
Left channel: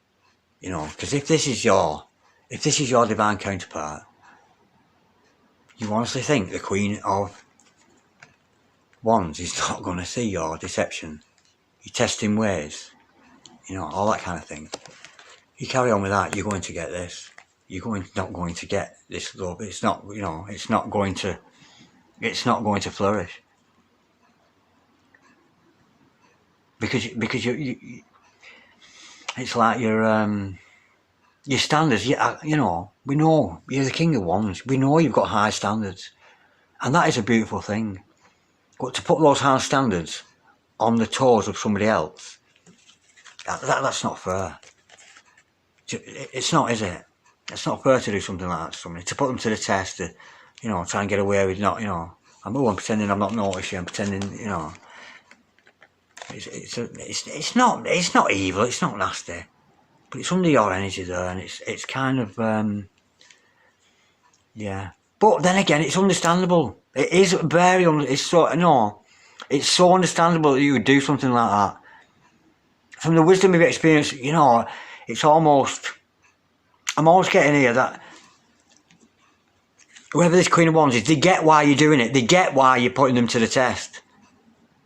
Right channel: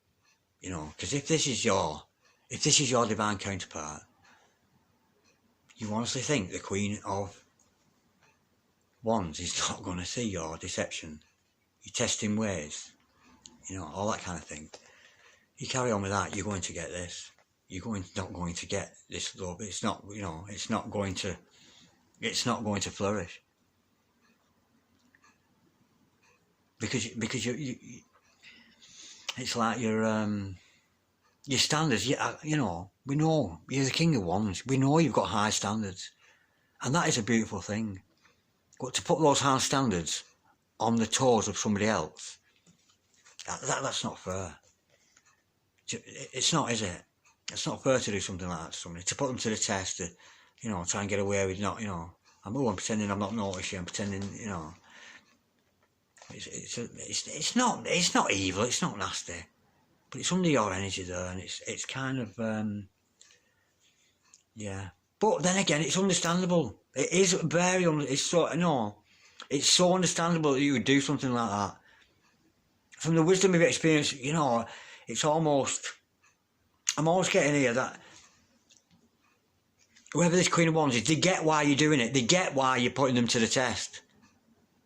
you know, because if this is your divine counterpart, you honestly think the Queen of Wands is not going to see your deception, your testing ways, you know, all that kind of thing. You carry on with that, you're going to get this. You're not going to get this love. It's not, you know, it's not going to flourish. Because you it's like your standards. You know, we know you're the King of Wands. We know you've got high standards, and that is a beautiful thing. But to put those high standards on the toes of somebody else, that's not fair. It's not, is it? It's not fair to do something like that to somebody. To put them to the test, to, you know, try and get away with not, you know, I'm pretending I'm not noticing. I'm pretending, you know. It's not evil. It's not nasty, but it's under your energy there, and it's kind of yeah. But then again, it's understandable. It is very it's so understandable that you would do something like that. From the wisdom of your experience, you know, it's almost. I'm always getting here that whoever this Queen of Wands is, they get why you're doing it. They get why you're putting them to the test.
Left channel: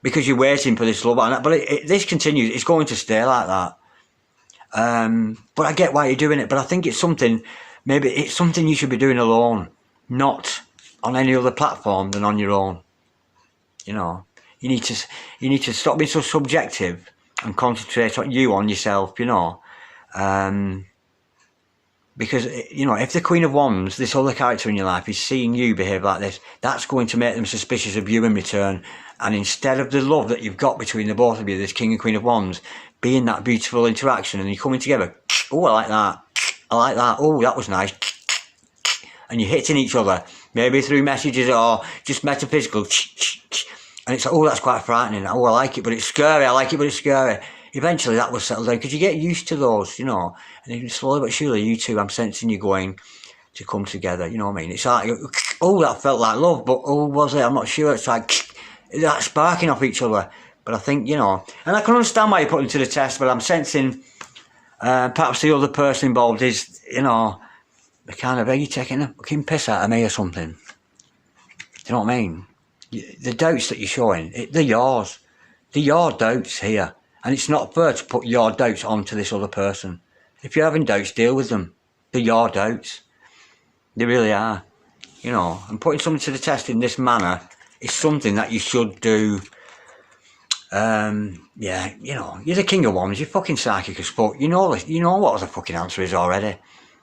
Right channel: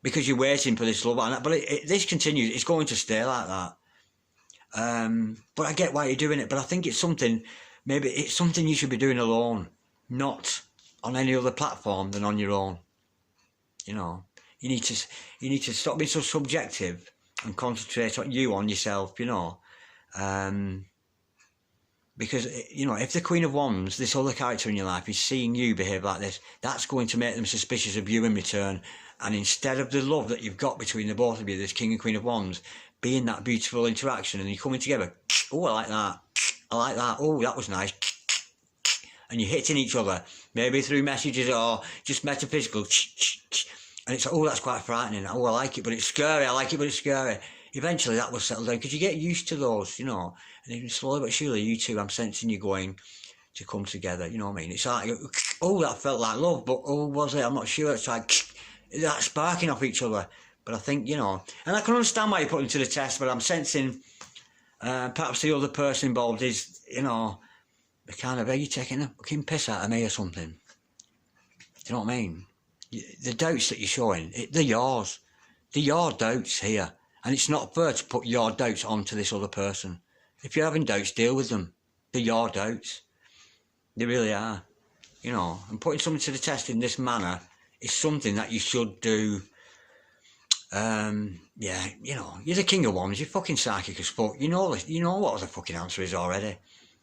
Because you're waiting for this love. But this continues. It's going to stay like that. But I get why you're doing it. But I think it's something, maybe it's something you should be doing alone. Not on any other platform than on your own. You know, you need to stop being so subjective and concentrate on yourself, you know. Because, you know, if the Queen of Wands, this other character in your life, is seeing you behave like this, that's going to make them suspicious of you in return. And instead of the love that you've got between the both of you, this King and Queen of Wands, being that beautiful interaction and you're coming together, oh, I like that, oh, that was nice, and you're hitting each other, maybe through messages or just metaphysical, and it's like, oh, that's quite frightening, oh, I like it, but it's scary, I like it, but it's scary. Eventually that will settle down, because you get used to those, you know, and then slowly but surely, you two, I'm sensing you going to come together, you know what I mean? It's like, oh, that felt like love, but oh, was it? I'm not sure. It's like that sparking off each other. But I think, you know, and I can understand why you're putting to the test, but I'm sensing perhaps the other person involved is, you know, the kind of, are you taking a fucking piss out of me or something? Do you know what I mean? The doubts that you're showing, they're yours. They're your doubts here. And it's not fair to put your doubts onto this other person. If you're having doubts, deal with them. They're your doubts. They really are. You know, and putting something to the test in this manner is something that you should do. Yeah, you know, you're the king of wands, you're fucking psychic as fuck. You know what the fucking answer is already.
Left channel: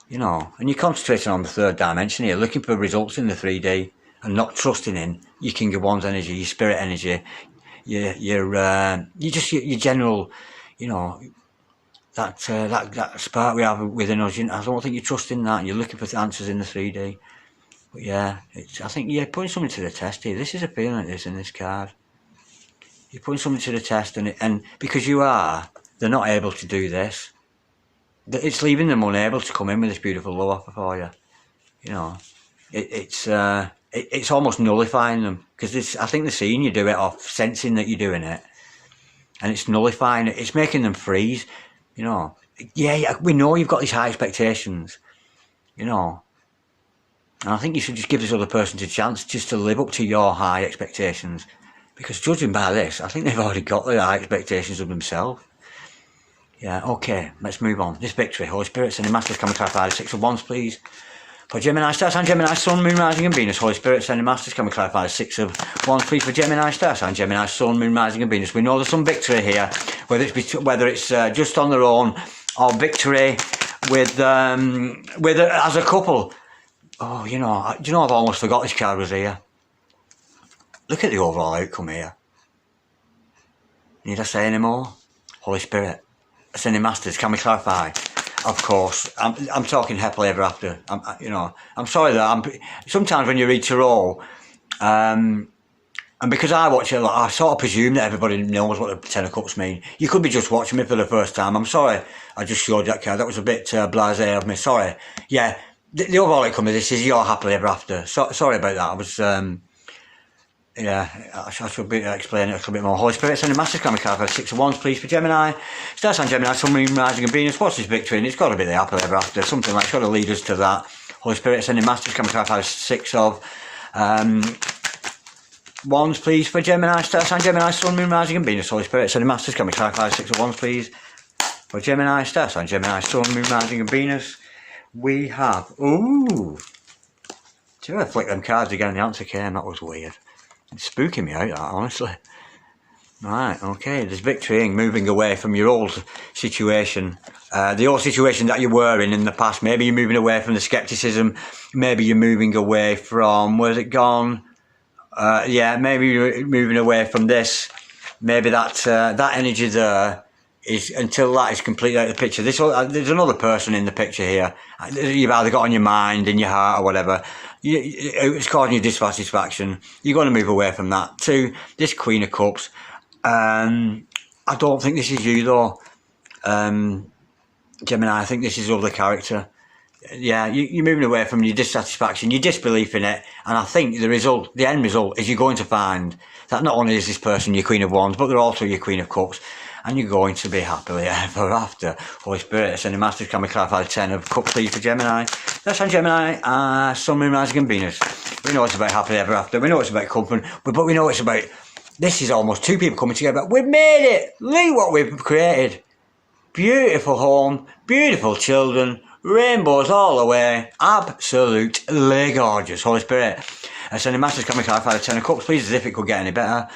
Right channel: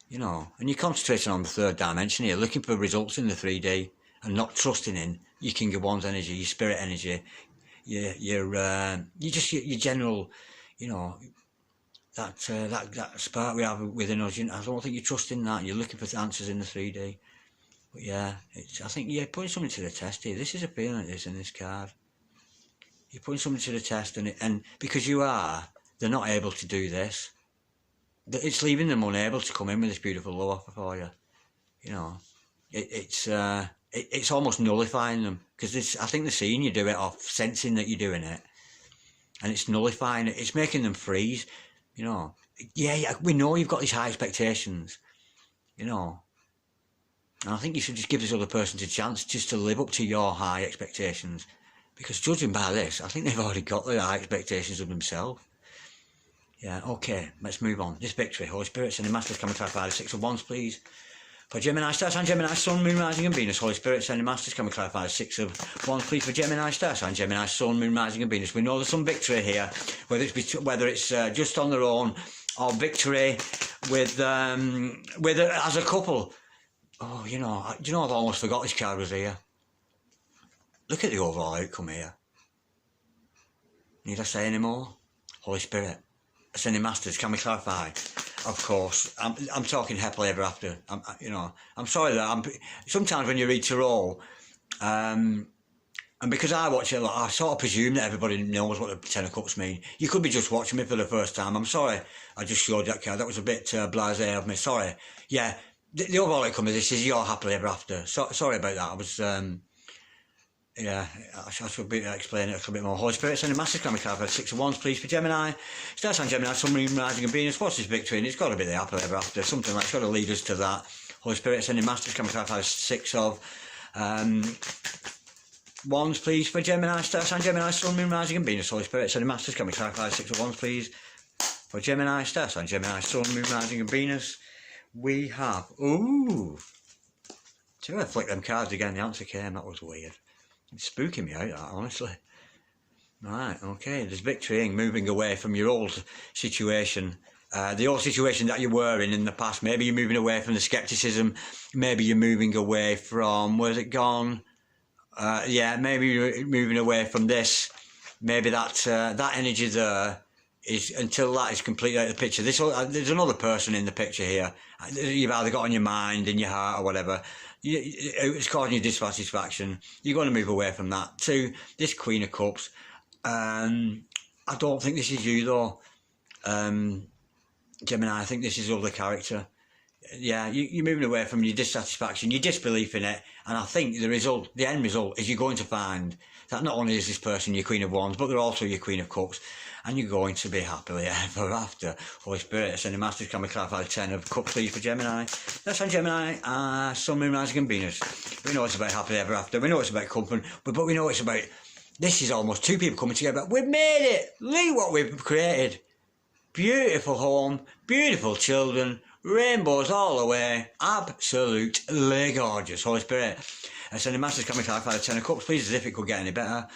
You know, and you're concentrating on the third dimension here, looking for results in the 3D and not trusting in your king of wands energy, your spirit energy, your general, you know, that spark we have within us. You know, I don't think you're trusting that. You're looking for answers in the 3D. But yeah, I think you're putting something to the test here. This is a feeling like this in this card. You're putting something to the test, and because they're not able to do this. It's leaving them unable to come in with this beautiful love offer for you. You know, it's almost nullifying them, because I think they're seeing you do it, or sensing that you're doing it, and it's nullifying it. It's making them freeze. You know, yeah, we know you've got these high expectations. You know, and I think you should just give this other person a chance just to live up to your high expectations, because judging by this, I think they've already got the high expectations of themselves. Yeah, okay, let's move on. This victory, Holy Spirit, sending masters, can we clarify the Six of Wands, please? For Gemini, Star Sign, Gemini, Sun, Moon, Rising and Venus. Holy Spirit, sending masters, can we clarify the Six of Wands, please? For Gemini, Star Sign, Gemini, Sun, Moon, Rising and Venus. We know there's some victory here, whether it's just on their own, or victory with as a couple. Oh, you know, I've almost forgot this card was here. Look at the overall outcome here. Need I say any more? Holy Spirit, sending masters, can we clarify? Of course, I'm talking happily ever after. I'm sorry that sometimes when you read tarot, and because I watch it a lot, I sort of presume that everybody knows what the Ten of Cups mean. You could be just watching me for the first time. I'm sorry I just showed that card. That was a bit blasé of me. Sorry. Yeah, the overall outcome of this is you're happily ever after. Sorry about that. I was. Yeah, I should be explaining it a little bit more. Holy Spirit, sending masters, can we clarify the Six of Wands, please, for Gemini? Star Sign, Gemini, Sun, Moon, Rising and Venus. What's his victory? And it's got to be the happily ever after. Something like, it's got to lead us to that. Holy Spirit, sending masters, can we clarify the Six of Wands, please, for Gemini? Star Sign, Gemini, Sun, Moon, Rising and Venus. Holy Spirit, sending masters, can we clarify the Six of Wands, please, for Gemini? Star Sign, Gemini, Sun, Moon, Rising and Venus. We have, ooh. See if I flick them cards again, the answer came. That was weird. It's spooking me out, that, honestly. Right, okay, there's victory in moving away from your old situation. The old situation that you were in the past. Maybe you're moving away from the scepticism. Maybe you're moving away from, where's it gone? Yeah, maybe you're moving away from this. Maybe that energy there is, until that is completely out of the picture. There's another person in the picture here. You've either got on your mind, in your heart, or whatever. It's causing you dissatisfaction. You're going to move away from that to this Queen of Cups. I don't think this is you though, Gemini. I think this is other character. Yeah, you're moving away from your dissatisfaction, your disbelief in it, and I think the end result is you're going to find that not only is this person your Queen of Wands, but they're also your Queen of Cups. And you're going to be happily ever after. Holy Spirit, sending masters, can we clarify the Ten of Cups, please, for Gemini? That's on Gemini, Sun, Moon, Rising and Venus. We know it's about happily ever after. We know it's about comfort, but we know it's about, this is almost two people coming together. We've made it! Look what we've created. Beautiful home, beautiful children, rainbows all the way. Absolutely gorgeous. Holy Spirit, sending masters, can we clarify the Ten of Cups, please, as if it could get any better.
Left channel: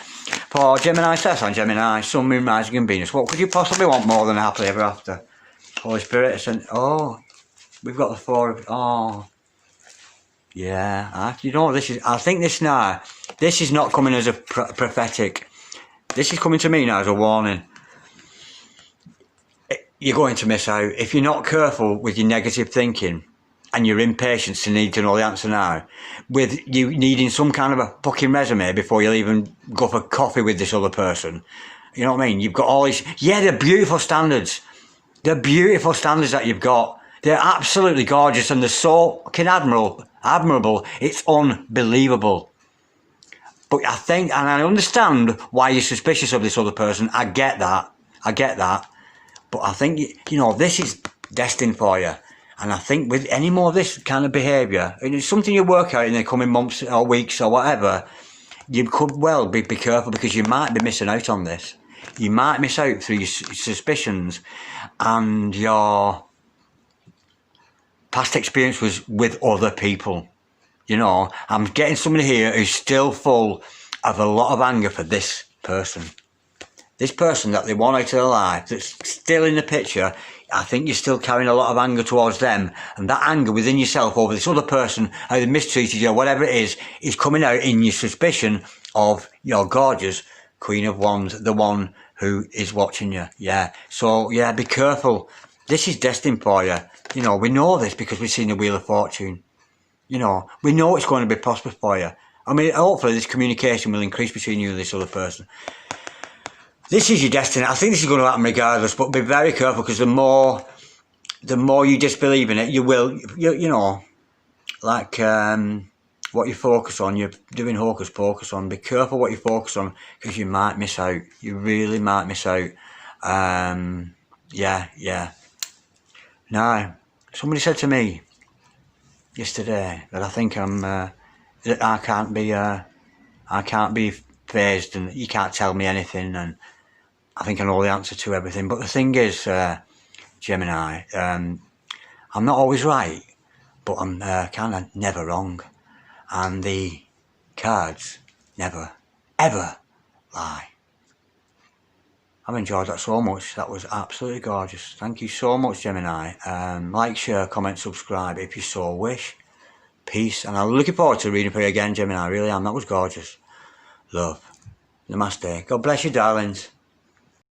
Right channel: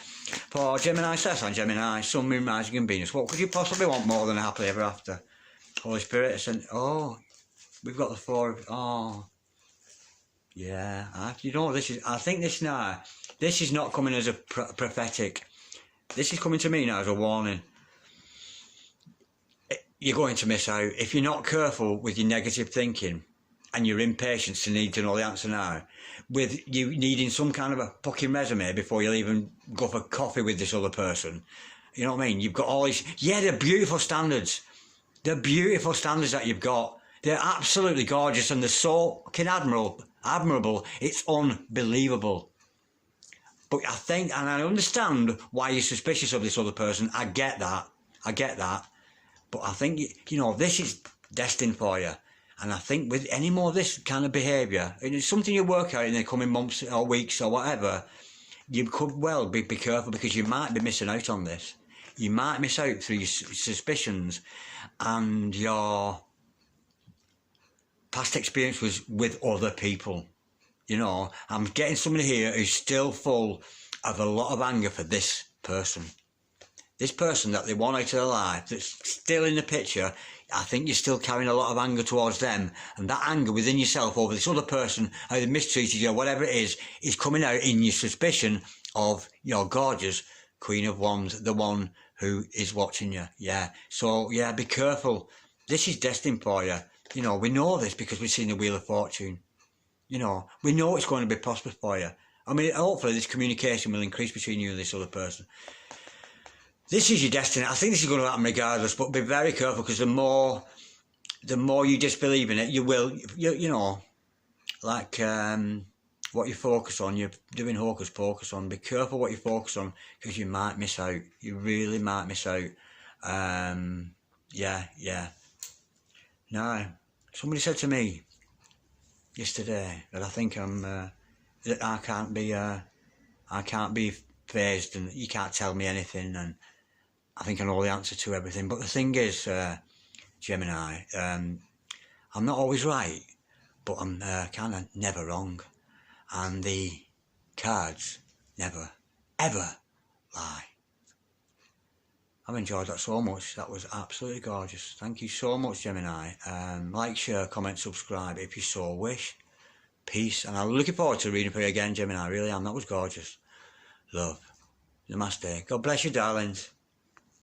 For Gemini, Star Sign, Gemini, Sun, Moon, Rising and Venus. What could you possibly want more than happily ever after? Holy Spirit, oh, we've got the Four of, oh, yeah. I think this now, this is not coming as a prophetic. This is coming to me now as a warning. You're going to miss out. If you're not careful with your negative thinking, and your impatience to need to know the answer now, with you needing some kind of a fucking resume before you'll even go for coffee with this other person. You know what I mean? You've got all these, yeah, they're beautiful standards. They're beautiful standards that you've got. They're absolutely gorgeous and they're so fucking admirable. It's unbelievable. But I think, and I understand why you're suspicious of this other person. I get that. But I think, this is destined for you. And I think with any more of this kind of behaviour, and it's something you work out in the coming months or weeks or whatever, you could well be careful, because you might be missing out on this. you might miss out through your suspicions and your past experience was with other people. You know, I'm getting somebody here who's still full of a lot of anger for this person. This person that they want out of their life, that's still in the picture. I think you're still carrying a lot of anger towards them, and that anger within yourself over this other person, how they mistreated you, or whatever it is coming out in your suspicion of your gorgeous Queen of Wands, the one who is watching you. Yeah, so yeah, be careful. This is destined for you. You know, we know this because we've seen the Wheel of Fortune. You know, we know it's going to be prosperous for you. I mean, hopefully this communication will increase between you and this other person. This is your destiny. I think this is going to happen regardless, but be very careful, because the more you disbelieve in it, you will, you know, like what you focus on, you're doing hocus pocus on. Be careful what you focus on, because you might miss out. You really might miss out. Yeah. Now, somebody said to me yesterday that I think that I can't be phased, and you can't tell me anything, and I think I know the answer to everything. But the thing is, Gemini, I'm not always right, but I'm kind of never wrong. And the cards never, ever lie. I've enjoyed that so much. That was absolutely gorgeous. Thank you so much, Gemini. Like, share, comment, subscribe if you so wish. Peace. And I'm looking forward to reading for you again, Gemini. I really am. That was gorgeous. Love. Namaste. God bless you, darlings.